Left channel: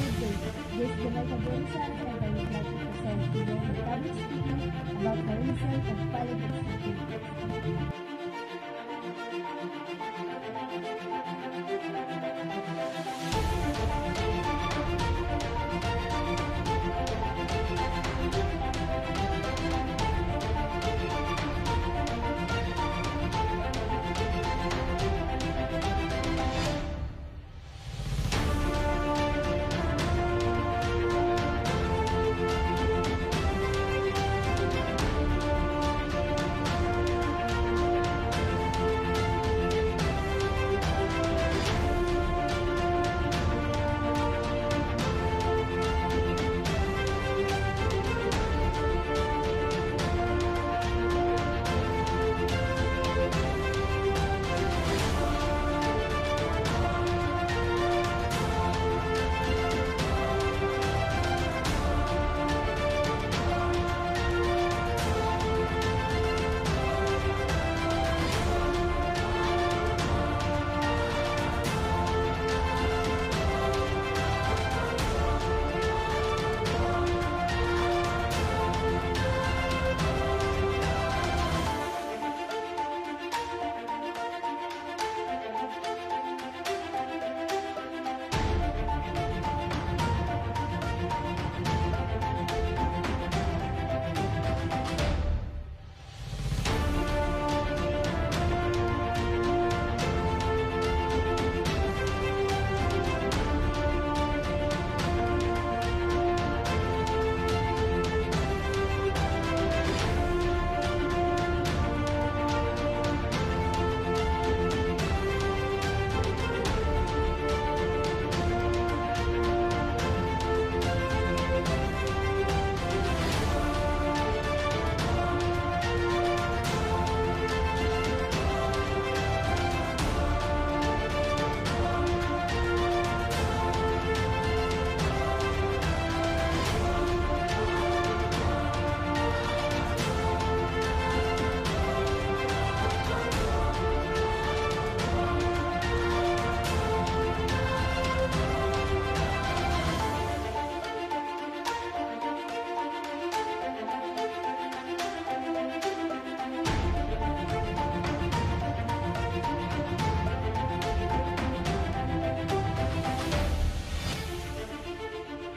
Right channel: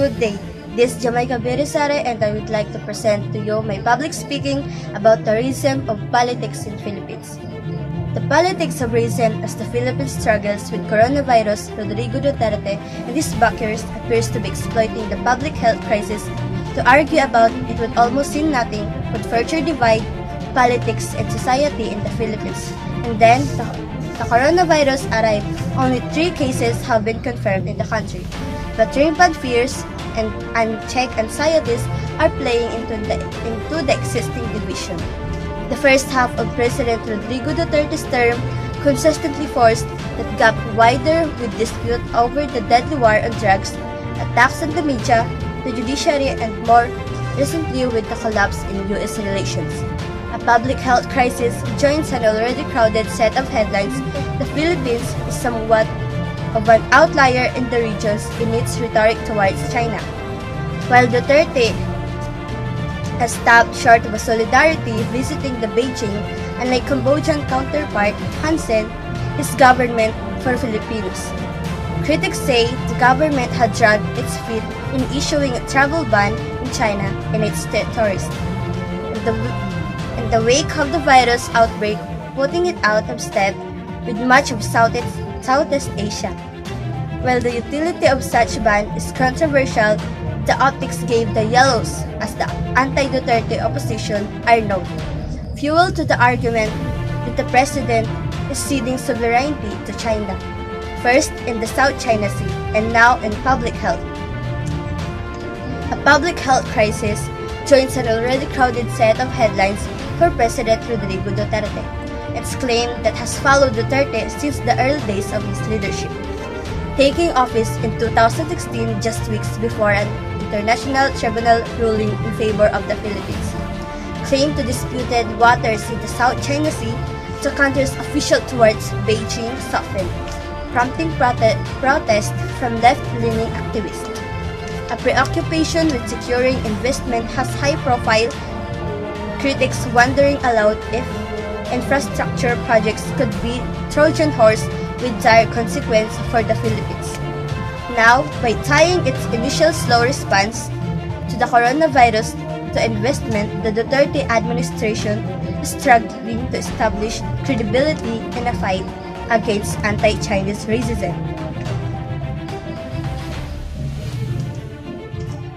Good day. This is Jamaica Resare and I would like to present to you my public speaking about the racism of politics in Philippines. The politics of racism as the Philippines struggles with coronavirus, Rodrigo Duterte and his backers appears to be exploiting the public health crisis to argue about it would almost seem nothing but further divide politics and society in the Philippines. And then, the coronavirus arrived. Only 3 cases have been confirmed in the country. But rampant fears and unchecked anxieties are playing into the existing division. The first half of President Rodrigo Duterte's term consistently forced that gap wider with dispute over the deadly war on drugs, attacks on the media, the judiciary, and more recently with the collapse in U.S. relations. A public health crisis joins an already crowded set of headlines. The Philippines is somewhat of an outlier in the regions in its rhetoric towards China. While Duterte has stopped short of a solidarity visiting the Beijing and a Cambodian counterpart, Han Sen, his government for Filipinos. Critics say the government had dragged its feet in issuing a travel ban in China and its territories. In the wake of the virus outbreak, putting it out of step with much of Southeast Asia. While the utility of such ban is controversial, the optics gave the yellows, as the anti-Duterte opposition are known, fuel to the argument that the president is ceding sovereignty to China, first in the South China Sea and now in public health. A public health crisis joins an already crowded set of headlines for President Rodrigo Duterte. It's claim that has followed Duterte since the early days of his leadership, taking office in 2016 just weeks before an international tribunal ruling in favor of the Philippines claimed to disputed waters in the South China Sea. The country's official towards Beijing softened, prompting protest from left-leaning activists. A preoccupation with securing investment has high-profile, critics wondering aloud if infrastructure projects could be Trojan horse with dire consequence for the Philippines. Now, by tying its initial slow response to the coronavirus to investment, the Duterte administration is struggling to establish credibility in a fight against anti-Chinese racism.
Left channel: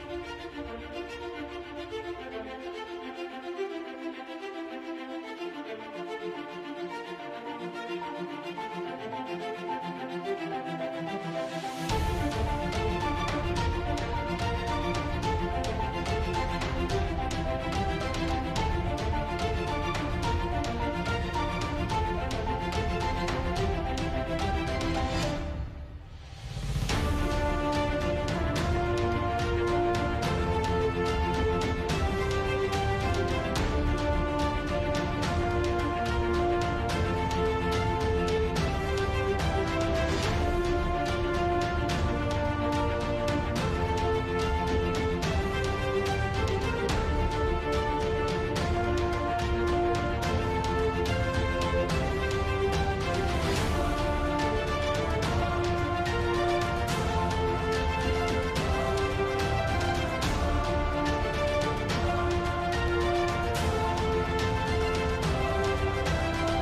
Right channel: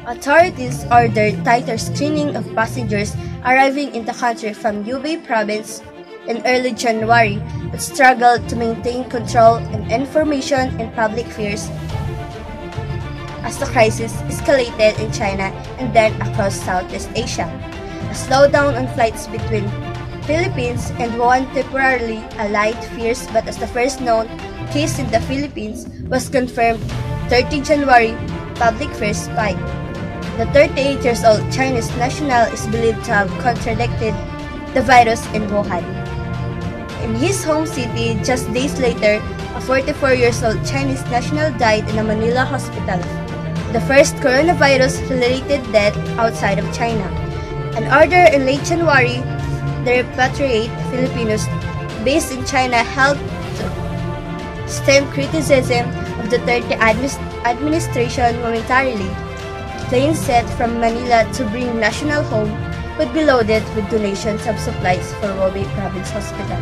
Authorities ordered tighter screening of passengers arriving in the country from Hubei province in early January, but struggled to maintain control and information and public fears as the crisis escalated in China and then across Southeast Asia. A slowdown on flights between Philippines and Wuhan temporarily allayed fears, but as the first known case in the Philippines was confirmed 30 January, public fears spiked. The 38-year-old Chinese national is believed to have contracted the virus in Wuhan. In his home city, just days later, a 44-year-old Chinese national died in a Manila hospital, the first coronavirus-related death outside of China. An order in late January to repatriate Filipinos based in China helped stem criticism of the Duterte administration momentarily. Planes set from Manila to bring national home could be loaded with donations of supplies for Hubei Province Hospital.